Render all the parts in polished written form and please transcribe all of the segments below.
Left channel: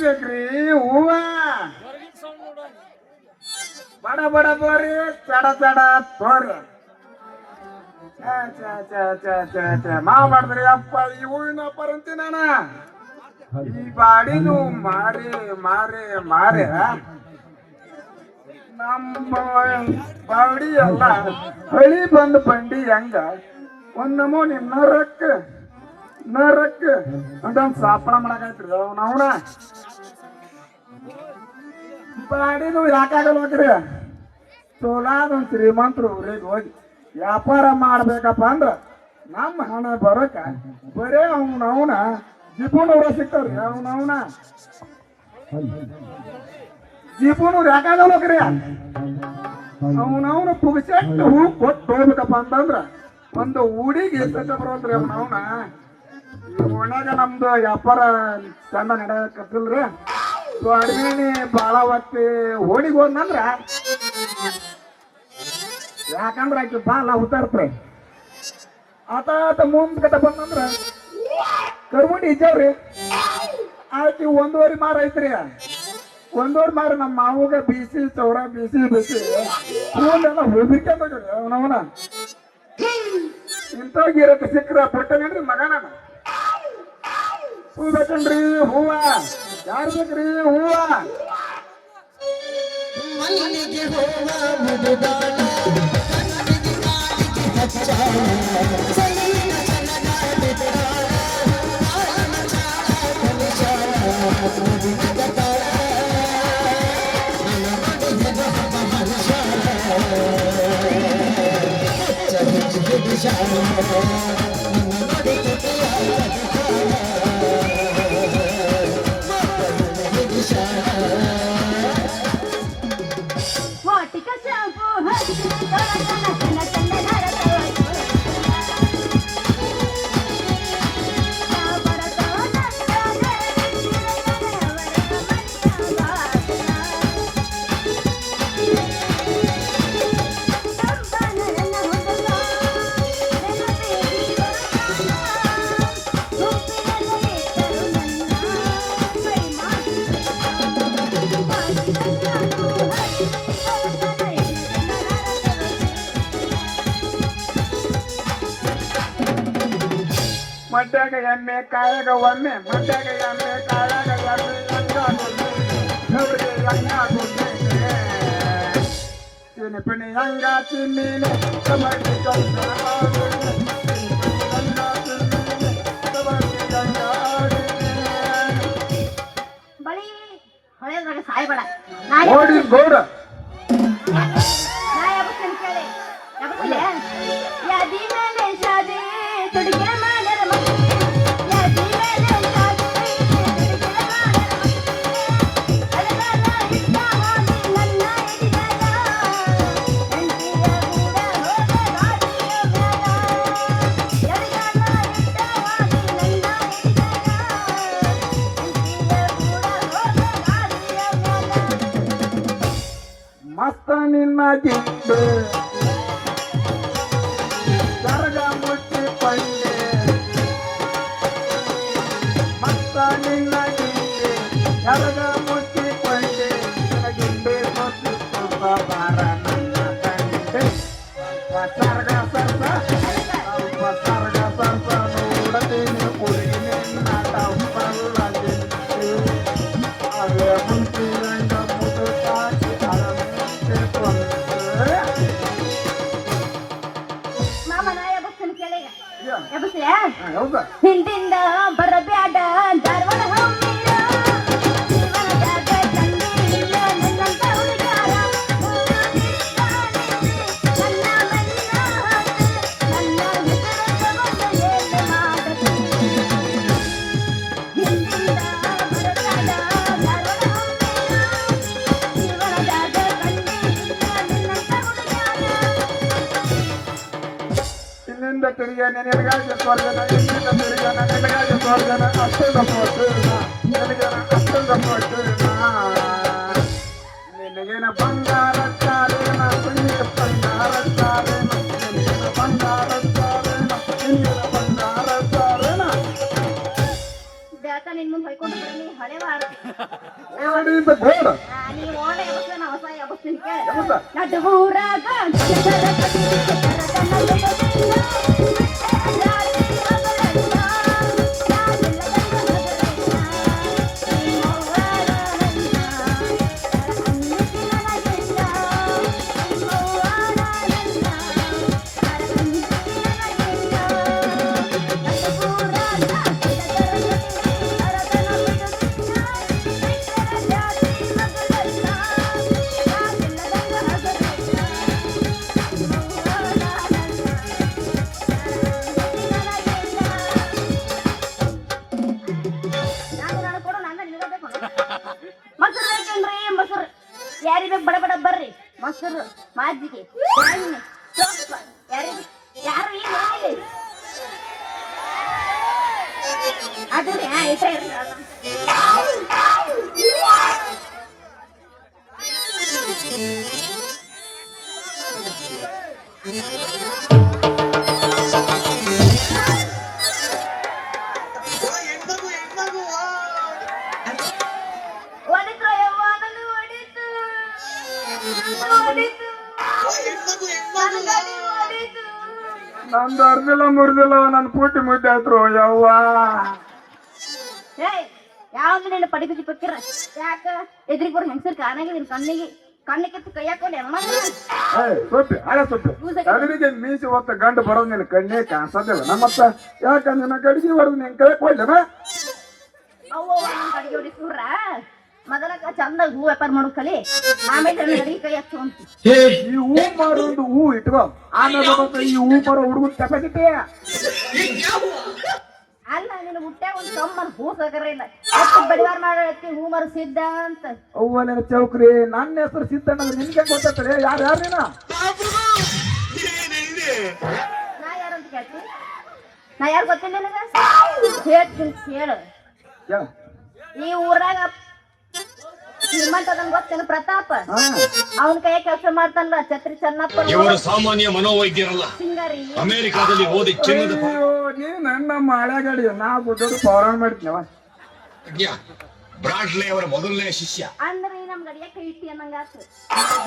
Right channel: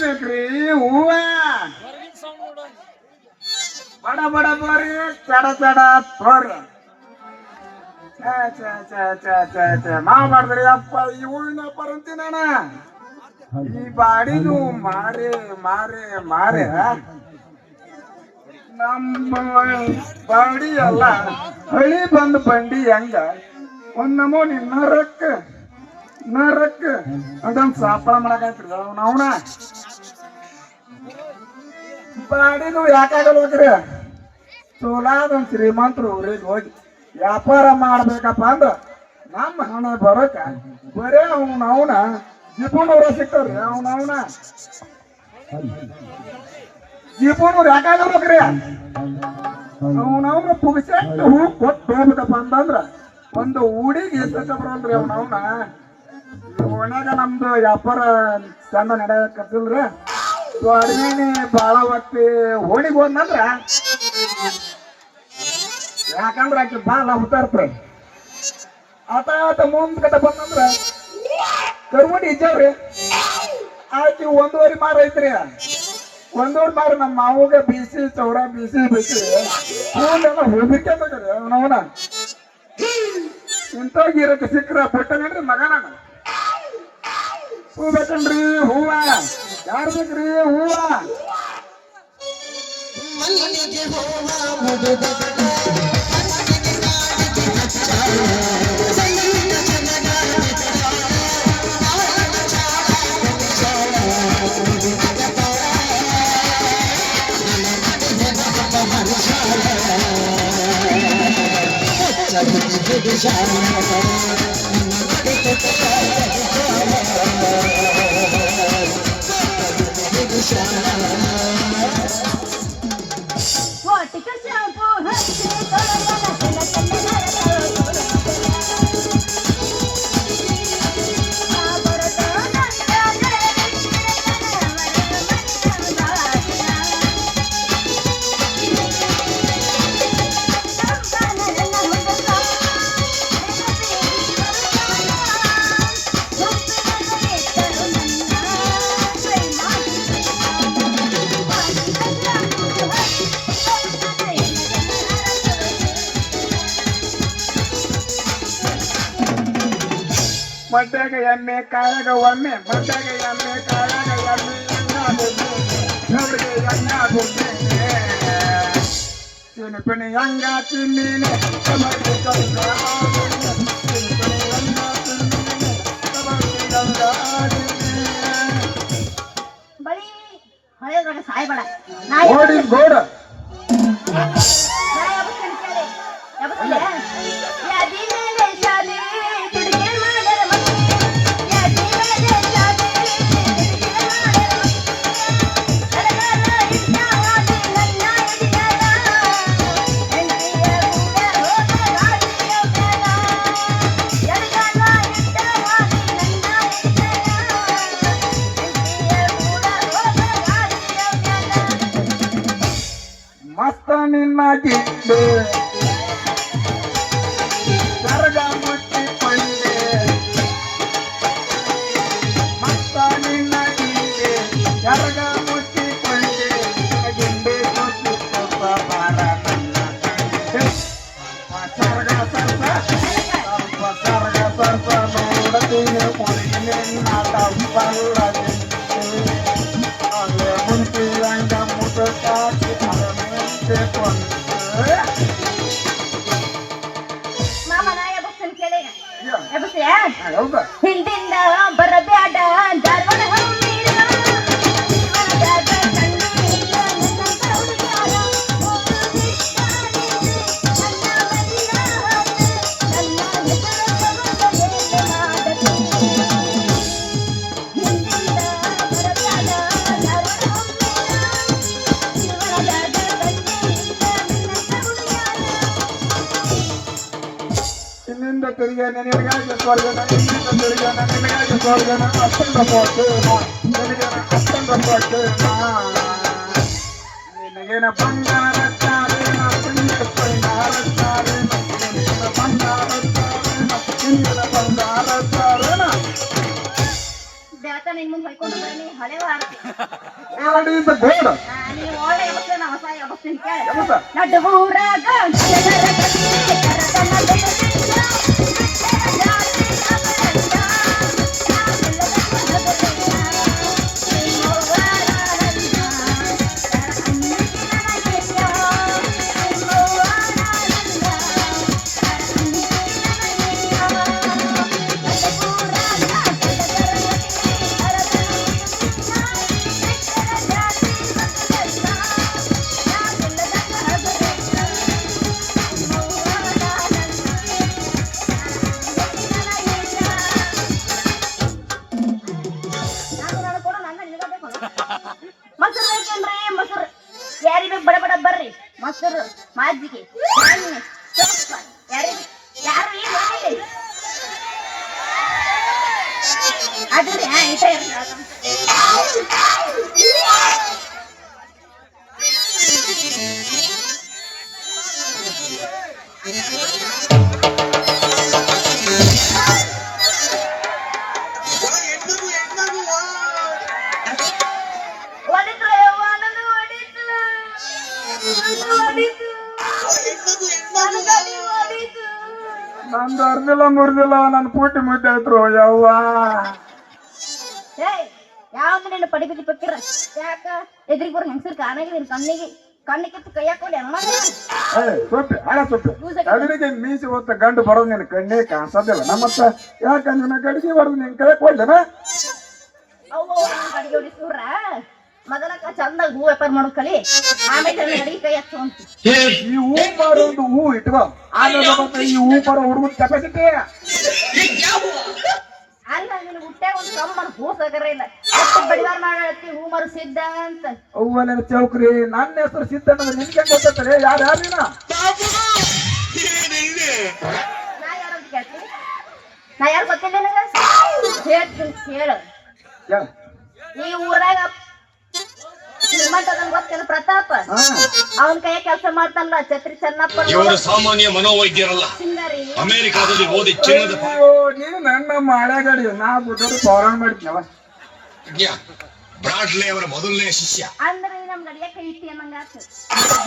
ಬೇಕ್ರಿ ಹೂವ ಬಡ ಬಡ ಬೋರಿ ಚಡ ಚಡ ತೋರಿ ಮಾಡ್ರಿ ಅಪ್ಪ ಈ ಹೂವಿನ ಪರಂತಿ ನಾನ ಈ ಬಾಡಿದು ಮಾರಿ ಮಾರಿ ಮಾರಿ ನಮ್ಮ ಬಾಡಿ ಎಲ್ಲ ಹಳಿ ಬಂದು ಬಂಡಿ ಹೆಂಗ ಒಂದ್ ನಮೂನಿ ನರಕ್ಕ ಅದೊಂದ್ ಸಾಪ ಮಾಡಕೈತ್ರಿ ಅವನ ಬಾಡಿದು ಯಾಕಾಗಲ್ಲ ಹೋಗ್ರಿ ಚೂಡಾದೊಂದ್ ಶ್ರೀಮಂತರು ಊರಿಗೆ ಹೋಗಿ ವ್ಯಾಪಾರ ಮಾಡ್ಬೇಕಪ್ಪ ಅಂದ್ರ ನಮ್ಮ ಹಣ ಬರೋಕ ಬರೇ ಅವನ ಜಿಪುಣವ್ರ ಸಿಕ್ತಾವ್ರಿ ಅವನ ಜಿಪುಣವ್ರು ಯಾಕಾಗಲ್ಲ ಹೋಗ್ರಿ ಅವನವನ ಪುಗ್ಸೆಟ್ಟು ಹೂ ಕೊಟ್ಟು ಹೋಗ್ಬೇಕಪ್ಪ ಅಂತಂದ್ರ ಒಂದು ಊಡಿಗೆ ಎಷ್ಟ ಬರೋಲ್ರಿ ಅವನವನ ಓಣ್ಯಾಗ ನಮ್ದು ವ್ಯಾಪಾರ ಚಂದ ನಡೆಯಕತ್ತಿಲ್ರಿ ಅಡ್ಮೀನಿ ಬಾಳ ಹೊತ್ತಿ ಹೋಳಿಗೆ ಹೋದ್ನಂದ್ರ ಯಾಕಂದ್ರ ಆಕಿ ಬಾಳ ಹುಟ್ಟಾರ್ತ್ರಿ ಆತ ಮುಂದ್ ಕಟ್ಟ ಬಂದಂದ್ರ ಕರ್ಮಡಿ ಇದ್ದಾವ್ರಿ ಆಕಿ 1.5 ಮಾರ ಐತ್ರಿ 1.5 ಮಾರ ನಮ್ಮ ಮಾವಗ ಬೀಸಿ ಚೌಡ ಬೀಸಿ ಹೂಲೆಲ್ಲ ಹೋಗ್ಬಿಟ್ಟದ್ರಿ ಅವನವನ ಇಂಥ ಗಿರಕ್ಕೆ ಸಿಕ್ಕ್ರ ಪಟ್ಟನೇನ್ರಿ ಮಗನ ಹೂ ಬೇಕನ್ರಿ ಹೂವ ಯಾರು ಬೇಕ್ರಿ ಹೂವ ಮಡ್ಯಾಗ ಎಮ್ಮೆ ಕಾಯಾಗ ಒಮ್ಮೆ ಮಡ್ಯಾಗ ಎಮ್ಮೆ ಕಾಯಾಗ ಎಮ್ಮೆ ಪಣಿ ಹಂಗ ಚಿನ್ನೀನೆ ಓಡಿ ಗೋಡ ಗಿಂಡೆ ಕರಗ ಮುಚ್ಚಿಕೊಂಡೆ ಮತ್ತ ನಿನ್ನ ಗಿಂಡೆ ಕರಗ ಮುಚ್ಚಿಕೊಂಡೆ ಗಿಂಡೆ ಕೊಚ್ಚಿಕೊಪ್ಪ ಬಾರ ಸರ್ಗ ಸರ್ಸ ಸರ್ಗ ಸರ್ಸ ನೋಡತೀನಿ ಕುಡಿನ ಬಲ್ಲ ಅದೇ ಮುಂಚಿರಂಗ ಮುದುಕಾಕಿ ಅರಮೆಂತೆ ಮಾಮನ ಎಬಸ್ತೀನಿ ಕೇಳಿ ಎಬಸ್ತೀಯ ಹೌದಾ ಹಿಂದಿಂದ ಬರಬ್ಯಾಡ ಧಾರವಾಡ ಹೋಗಿರ ಜೀವನದಾಗ ಕಂಡಿಲ್ಲ ನಿನ್ನಂತ ಹುಡುಗಾರ ನನ್ನ ಹೆಸರು ಏನು ಮಾಡತಿ ಹಿಂದಿಂದ ಬರಬ್ಯಾಡ ಧಾರವಾಡ ಹೋಗಿರ ಜೀವನದಾಗ ಕಂಡಿಲ್ಲ ನಿನ್ನಂತ ಹುಡುಗಾರ ಇನ್ನಿಂದ ತಿರುಗಿ ನಿನಗಾಗಿ ಸ್ವರ್ಗನ ಇನ್ನಿಂದ ತಿರುಗಿ ನಿನಗಾಗಿ ಸ್ವರ್ಗನ ಅಷ್ಟೊಂದು ಕೊಟ್ಟೇನ ನಿನಗೇನ ಅಷ್ಟೊಂದು ಕೊಟ್ಟೇನ ನಿನಗೇನ ಬಂಗಾರ ಚಾರೇನ ಕುಂಜಿನ ಬಂಗಾರ ಚಾರೇನ ನಿನಗೇನ ಬಂಗಾರ ಚಾರೇನ ಕುಂಜಿನ ಬಂಗಾರ ಚಾರೇನ ಬೆಳಕ ನಿನ್ ಮುಂದೆ ಹೊಯ್ಕೊಂಡು ಬರೀ ಹಳೆ ವಾರ್ತೆ ನೋಡಿದ ಗೋಡ ನೀ ಒಳ್ಳೆ ಎಬಸ್ತೀನಿ ನಾ ಹೊಸ ಎಬಸ್ತೀನಿ ಕೇಳ ಎಬಸ ನಡು ಊರಾಗ ಜನರ ಕಥೆ ಕರತನ ಬೆಳಕಿನ ಮೊಸರು ಬೇಕಂದ್ರಿ ಮೊಸರು ಯಾರಿ ಬೇಕು ಬಡ ಬಡ ಬರ್ರಿ ಮೊಸರು ಮಾಜಿಗೆ ಎಣ್ಣೆ ಸೊಪ್ಪ ಯಾರು ಈ ಮನೆಯಲ್ಲಿ ಅದ್ರಿ ಇಷ್ಟ ನಂದು ಅರ್ದಿಲ್ಲ ಮುರಿದಿಲ್ಲ ನನ್ನ ಪೂಟಿ ಮುದ್ದೆ ಆಯ್ತು ಯವ್ವ ಯಾವ ನಿನ್ನ ಪಡಿ ಬಿದ್ದಿ ಪಕ್ಕಿರ ಯಾಕ ಎದ್ರಿಗೆ ಬರೋ ಹೆಂಗಸರ್ ಕಾಣಾಗಿದ್ದೀನಿ ಕಣ್ಣಿಗೆ ಕೈ ಹಾಕೊಂಡು ಹೆಂಗ್ ಮಾಡ್ರಿ ಸೊಪ್ಪಿ ಹಳೆ ಸೊಪ್ಪಿ ಅದ್ರಿಗೆ ಮೀಸಿ ಹೊತ್ತ ಗಂಡು ಬರೋದು ನಿನ್ನ ಕಣ್ಣೇ ಕಾಣಿಸೋದಿಲ್ಲ ನಮ್ಮತ್ತ ಯಾಕಂದ್ರೆ ನಾ ಗಡಿಗೆ ಬರೋದು ನಿನ್ ಕೈ ಕೊಡ್ಲೇನ ಅವ್ವ ನನ್ನ ಕಡೆಗೆ ಹೊಡಿ ಸೂರ ಮೊದಲಕ ಚಂದಾಗ ಹೂ ವ್ಯಾಪಾರ ಮಾಡೋದು ಕಲಿ ಆಮೇಲೆ ಅಡಿಗೆ ಕೈ ಹಚ್ಚುವಂತ ಈ ಹೂ ಮಾರೋದು ಹೂ ಇಟ್ಕೋ ಆಮೇಲೆ ಮತ್ತೆ ಈ ಹೂ ಬರೋ ಹುಡುಗನ ಕೆಪಾಸಿಟಿ ಅಲ್ಲ ನಿನ್ನ ಹುಟ್ಟೆ ಒಂದು ಕಮ್ಮನ್ ಹೂ ಸಗರ ಇಲ್ಲ ಎಷ್ಟು ಬಡಿವಾರ ಮಾಡತ್ತಿ ಹೂ ಮಾರು ಸಿದ್ಧ ಅಂತ ಅವ್ವನ ಚೌಕ್ರಿ ನನ್ನ ಹೆಸರು ಸಿದ್ಧ ಅನ್ನೋದು ನಿನ್ಗೆ ಗೊತ್ತೈತಲ್ಲ ಯಾರು ನೀನ ನಾ ಯಾರಂತ ಕೇಳ್ತೀನಿ ನಾ ಯಾರು ಗೊತ್ತಿಲ್ಲ ನನಗ ಹೇಳ್ತೀನಿ ಹೇಳು ಈ ಊರಾಗ ನಿಮ್ಮಂತದನ್ ಗೊತ್ತೇನು ಪ್ರತಾಪ ಅವನ ಕೈ ಕೆಲಸ ಮಾಡ್ತಾನಲ್ಲ ಛತ್ರಿ ಚೆನ್ನಪ್ಪ ಇವರು ಸಾಮಾನ್ಯ ಮನೋವೈದ್ಯರಲ್ಲ ಸಿಂಗಾರಿ ಅಮೆರಿಕಾದಲ್ಲಿ ಓದಿ ಚಿನ್ನದ ನೀನು ನನ್ನ ಹಳೆಗಾಡಿ ನಾ ಬುದ್ಧರು ಪೌರಾಣ ಮಾಡ್ತೀನವ ಬ್ರಾಡ್ಲೆ ಅವರ ಮೊದಲನೇ ಶಿಷ್ಯ ಅಂದ್ರೆ ನಮ್ ನಡಿಯ ಕೈ ಇಟ್ಟಿ ಅನ್ನಂಗಾತ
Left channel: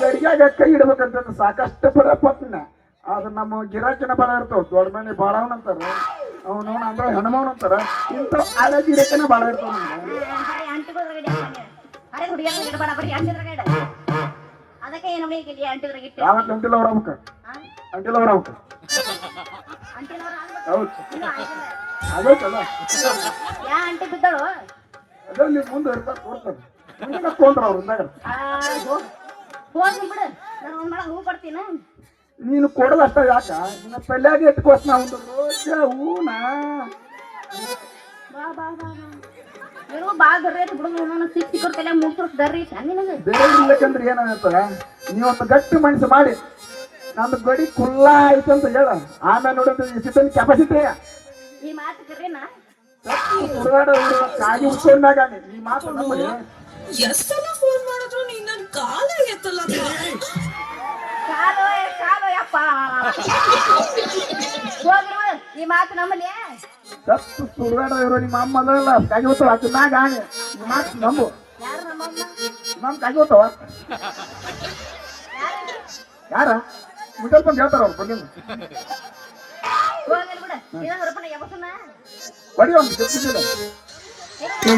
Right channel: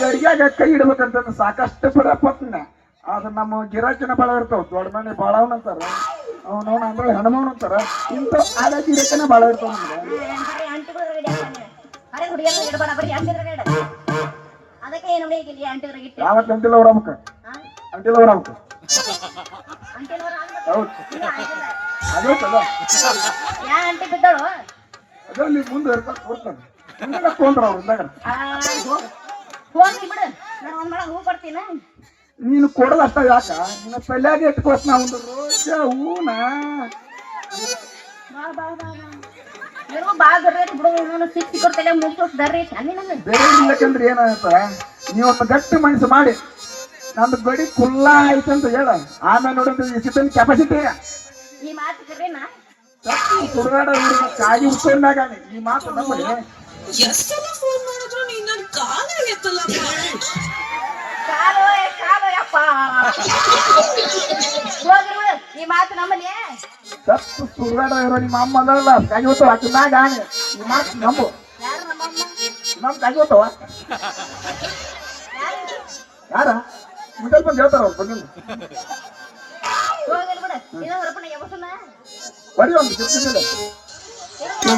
ಗಡಿಯಾಗ ಕೈ ಇಡ್ಬೇಕಂತ ಸಾಕಷ್ಟು ಪಡಪತ್ತಿನ ಅದು ನಮ್ಮ ಗಿರಾಕಿನ ಬಾಳ ಇರ್ತಾವ ದೊಡ್ಡ ಮನೆ ಬಾಳವನ್ ಅಂತಾರ ಅವನವನ್ ಅಂದ್ರೆ ಹೆಣ್ಮವನ್ ಅಂತಾರ ಇಂಥ ಹಳೆ ಗಿರಾಕಿನ ಬಾಳ ಇರ್ತಾವ ನಮ್ಗೆ ಅಂಟಿಗೋದ್ರಗಡೆ ಅರೆ ಹುಡುಗಿಯರ ಇಡಬೇಡ ಬರೀ ಅಂಟಿದ್ರಗಡೆ ಅದಕ್ಕೆ ಏನು ಹುಡುಗಿ ಅಂಟಿದ್ರಾಗ ಇಟ್ಟೆ ಯಾವತ್ತು ಅಂಟಿಲ್ಲ ಅವ್ರ ಅಮ್ಮಕ್ಕ ಅಂಟಿಲ್ಲ ಅವ್ರ ಅಮ್ಮಕ್ಕ ಅಂಟಿಲ್ವರ ಹೌದು ಅದೈತಲ್ಲ ಯಾ ಅಂಟಿ ಬಿದ್ದಳು ಅದ್ರಲ್ಲಿ ಮುಂದೆ ಇರ್ತಾರೆ ಕೊಡ್ತಾರೆ ಮುಂದೆ ಹಾಕೊಂಡ್ರ ಅವ್ರ ಹೋಗಿ ಬಿಡು ನಾನು ಒಂದ್ ಮಳ ಹೂ ಕೊಡ್ತೀನಿ ನೀನು ಕೊಡೋದಷ್ಟ ಯಾಕ ನಿನ್ನ ತಲೆಯಾಗ ಇಟ್ಕೋಸ್ ನಾ ಒಂದು ರೋಜ ಹೂನ ಬಾ ಬಾ ಬಾ ನೀವು ಬಾ ದರ್ರಿ ಬಿಡು ಸಿಕ್ಕಿ ತಲೆ ಮುಗಿಸೋಷ್ಟು ದರ್ರಿ ನನಗೆ ಬೇರೆ ಇಲ್ಲಕಂದ್ರೆ ಏನಾಗುತ್ತೆ ನೀವು ಒಂದು ಗಟ್ಟಿ ಮನಸ್ಸು ಮಾಡಿ ನಂದು ಗಡಿ ಕುಲ್ಲ ಆಯ್ತು ಅಂತ ಹೇಳ ಆಮೇಲೆ ನೋಡಿದ್ರೆ ಈ ಸಿಟ್ಟನ್ ಕೆಪಾಸಿಟಿ ಈ ಮಾತು ಕರೇನಾ ಸುಡಗಾಡ ಕಾಗಿ ಉತ್ಸವನಾಗ ಈ ಮಾತು ನಮ್ಮಲ್ಲಿ ಎಷ್ಟೆಲ್ಲ ಫೋನ್ ಮಾಡಿದ್ರು ನೀನ್ ನನ್ ಕಾಲ ಎತ್ತಲ್ಲ ಕಾಲು ಯಪ್ಪ ಹೋಗ್ರಿ ಬಿಡು, ಈ ಮಾತು ನಮ್ಮನೆ ಸತ್ತು ಸುಳ್ಗಾಡ ಇರೋ ನಿಮ್ಮ ಅಮ್ಮದಲ್ಲ ಕಾಗಿವತ್ತು ಹಾಕಿದಾಗ ಈ ಮಾತು ನಂಬು ಯಾರು ನಮ್ಮಮ್ಮ ನಮ್ ಕಾಗಿವತ್ತವ ಯಾರು ಯಾರ ಮಿಡಲ್ ಬಂದು ಹೇಳ್ತಾರ ಅವ್ರು ಬನ್ನಿ ಹೋಗ್ರಿ ಬಿಡು ಏನಾದ್ರಪ್ಪ ನಾ ಯಾವತ್ತನ ಬರೀ ಒಂದು ಗೊತ್ತಿಲ್ಲ ಏ,